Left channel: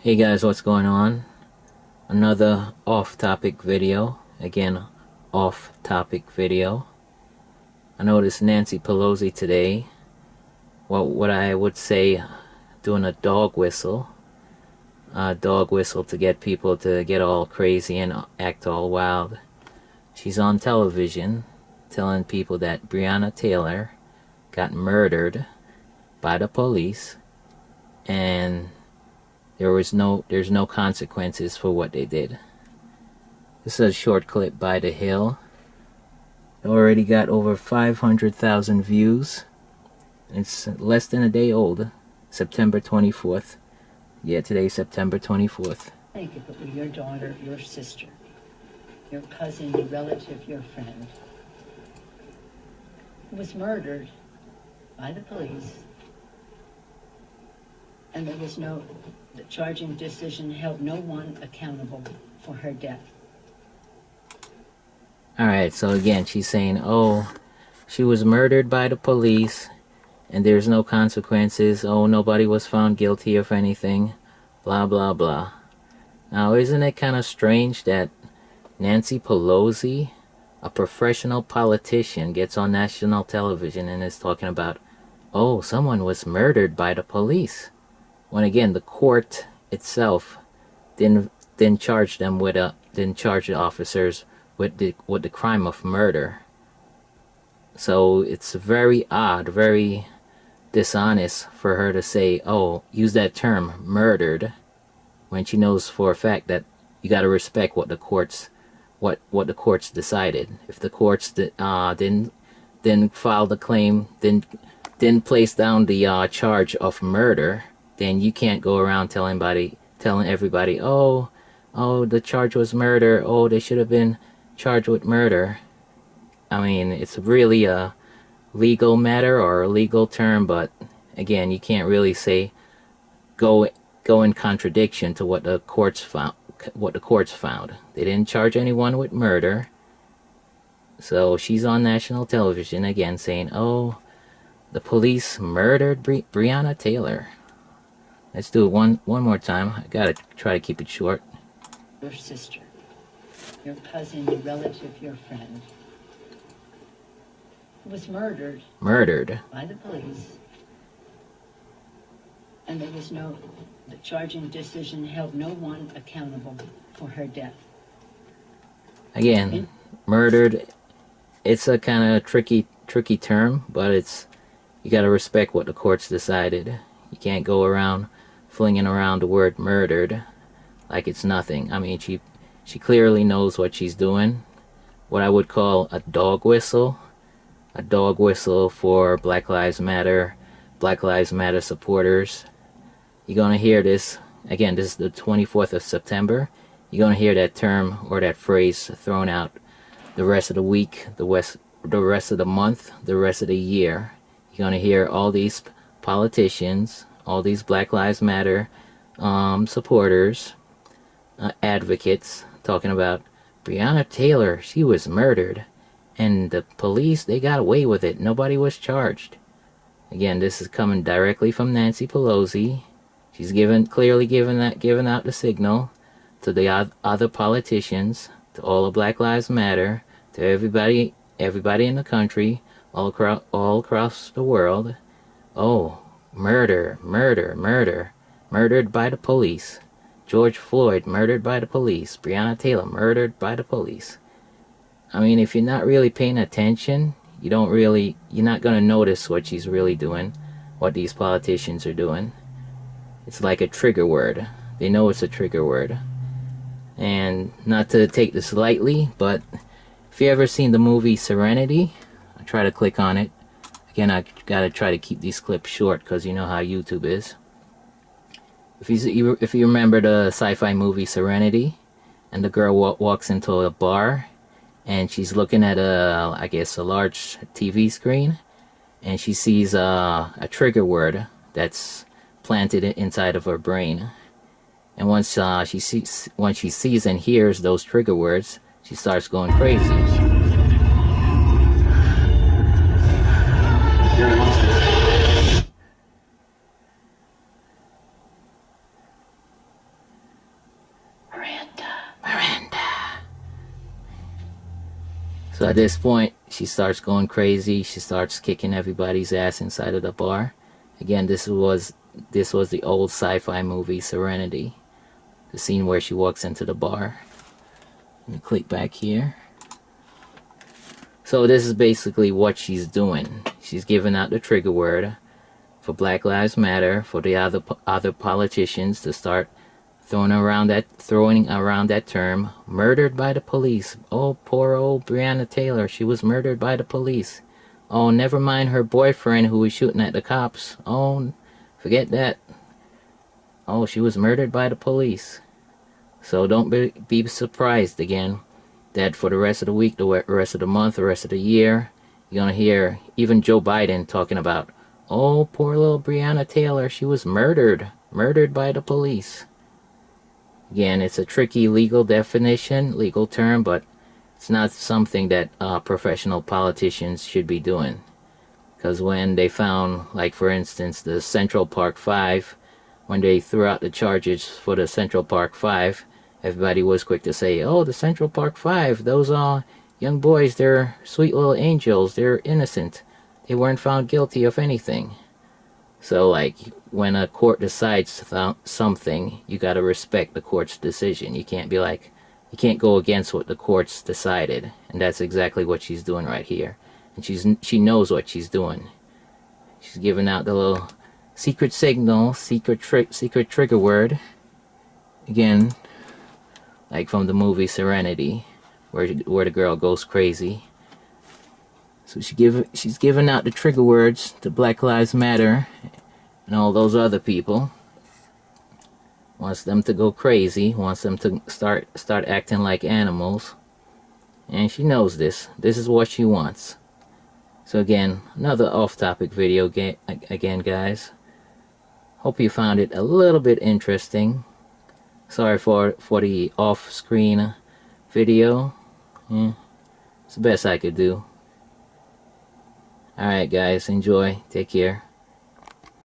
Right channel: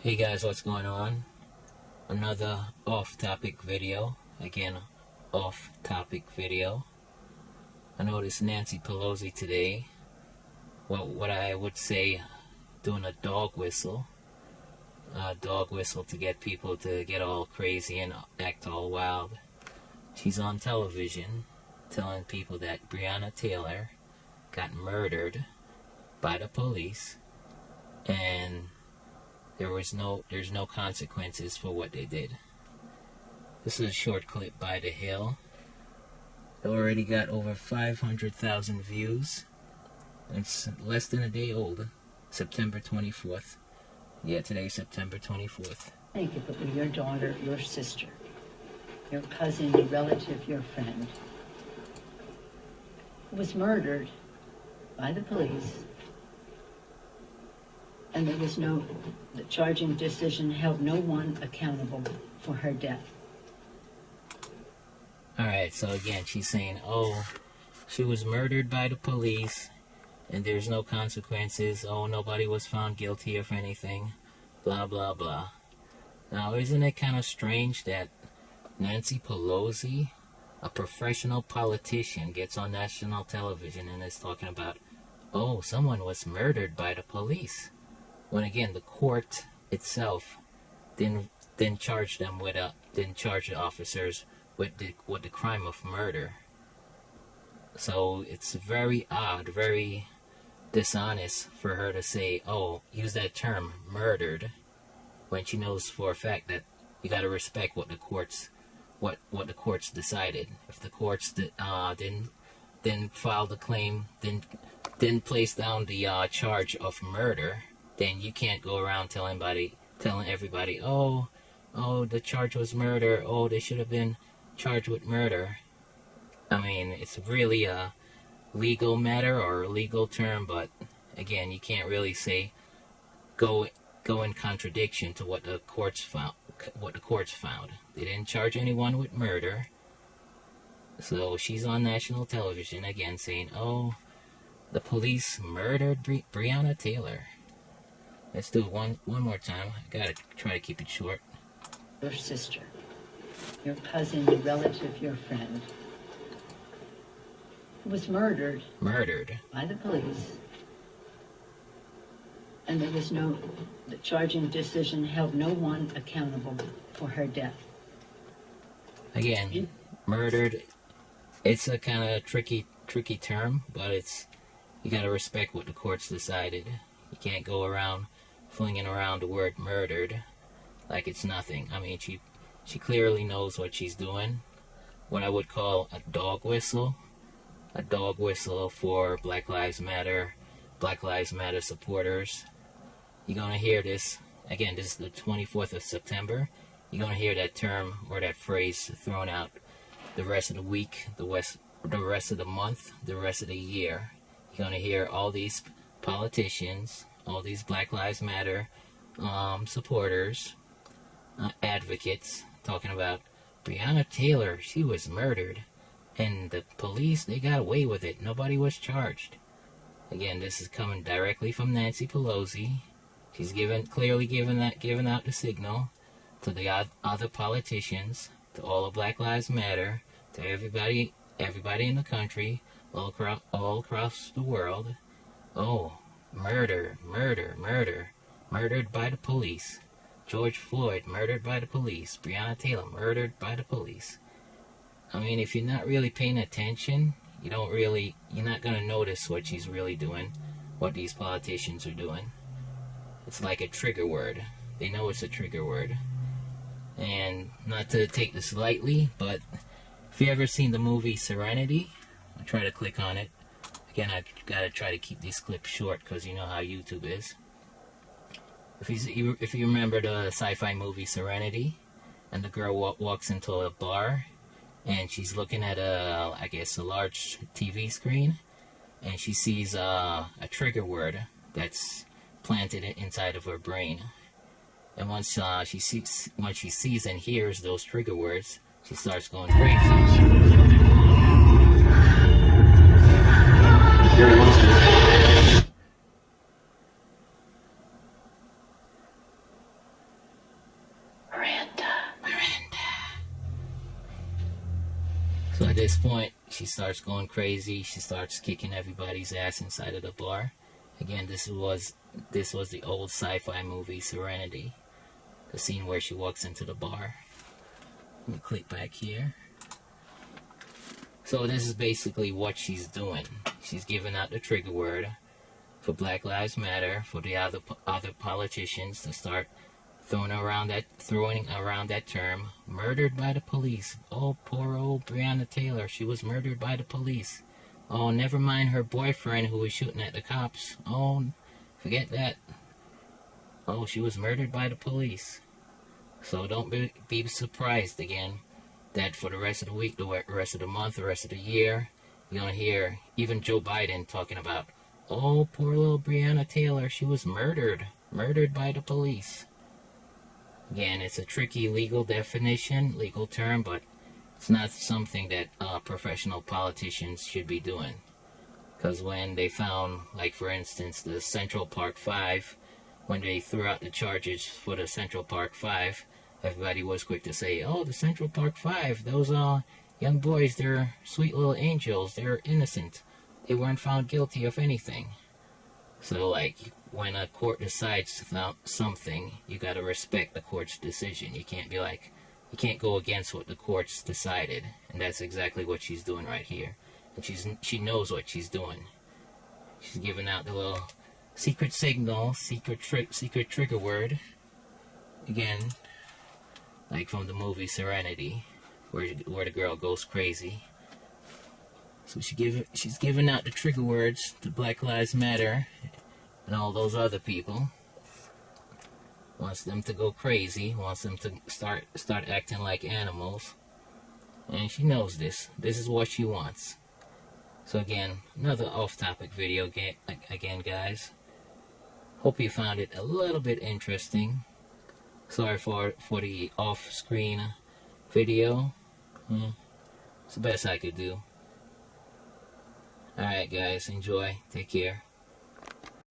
Hey guys, what's going on? Another off-topic video. Again, off-topic video. I noticed Nancy Pelosi today, what I would say, doing a dog whistle. A dog whistle to get people to get all crazy and act all wild. She's on television telling people that Breonna Taylor got murdered by the police and there's no consequences for what they did. This is a short clip by The Hill. It already got over 500,000 views. It's less than a day old. September 24th. Yeah, today's September 24th. Think if it were your daughter, your sister, your cousin, your relative, your friend, who was murdered by the police, and the charging decision held no one accountable for her death. Alright, so again, she's saying, oh, she was murdered by the police, and there's no consequences. Oh, nobody was found guilty of anything. Blah, blah, blah. Now, isn't it kind of strange that Nancy Pelosi, a professional politician, gets on national television and is talking about, oh, someone was murdered by the police, when again the court itself didn't charge them with didn't charge the officers with the crime of murder. So it's very odd, very dishonest for her to say, oh, use that term, murdered, when she knows for a fact that you got to respect what the courts decided. If the courts didn't file the claim, didn't place down the charge of murder, then you can't go around telling everybody, oh, the charge was murder. Oh, they should have been charged with murder. I mean, it's really a legal matter or a legal term, but again, you can't really say go in contradiction to what the courts found. They didn't charge anyone with murder. So she's on national television again saying, oh, the police murdered Breonna Taylor. Let's do it one more time. I gotta try to keep it short. Your sister, your cousin, your relative, your friend, who was murdered by the police, and the charging decision held no one accountable for her death. Again, murdered, it's a kind of tricky term, but you gotta respect what the courts decided. You can't go around flinging around the word murdered like it's nothing. I mean, she clearly knows what she's doing. What I would call a dog whistle for Black Lives Matter supporters. You're gonna hear this again. This is the 24th of September. You're gonna hear that term or that phrase thrown out the rest of the week, the rest of the month, the rest of the year. You're gonna hear all these politicians, all these Black Lives Matter supporters, advocates, talking about Breonna Taylor, she was murdered, and the police, they got away with it. Nobody was charged. Again, this is coming directly from Nancy Pelosi. She's clearly giving out the signal to the other politicians, to all of Black Lives Matter, to everybody in the country, all across the world. Oh, murdered by the police. George Floyd murdered by the police. Breonna Taylor murdered by the police. I mean, if you're not really paying attention, you're not gonna notice what she's really doing, what these politicians are doing. It's like a trigger word. They know it's a trigger word. And not to take this lightly, but if you ever seen the movie Serenity, I try to click on it. Again, I gotta try to keep these clips short because you know how YouTube is. If you remember the sci-fi movie Serenity, and the girl walks into a bar, and she's looking at a large TV screen, and she sees a trigger word that's planted inside of her brain. And once she sees and hears those trigger words, she starts going crazy. So at this point, she starts going crazy. She starts kicking everybody's ass inside of the bar. Again, this was the old sci-fi movie Serenity. The scene where she walks into the bar. Let me click back here. So this is basically what she's doing. She's giving out the trigger word for Black Lives Matter, for the other politicians to start throwing around that term, murdered by the police. Oh, poor old Breonna Taylor, she was murdered by the police. Oh, never mind her boyfriend who was shooting at the cops. Oh, forget that. Oh, she was murdered by the police. So don't be surprised again that for the rest of the week, the rest of the month, the rest of the year, you're gonna hear even Joe Biden talking about, oh, poor little Breonna Taylor, she was murdered by the police. Again, it's a tricky legal definition, legal term, but it's not something that professional politicians should be doing. Because when they found, like for instance, the Central Park 5, when they threw out the charges for the Central Park 5, everybody was quick to say, oh, the Central Park 5, those young boys, they're sweet little angels, they're innocent. They weren't found guilty of anything. So, like, when a court decides something, you gotta respect the court's decision. You can't go against what the court's decided. And that's exactly what she's doing right here. And she knows what she's doing. She's giving out the little secret signal, secret trigger word. Again, like from the movie Serenity, where the girl goes crazy. So she's giving out the trigger words to Black Lives Matter and all those other people. Wants them to go crazy. Wants them to start acting like animals. And she knows this. This is what she wants. So again, another off-topic video again, guys. Hope you found it a little bit interesting. Sorry for the off-screen video. It's the best I could do. Alright guys, enjoy. Take care.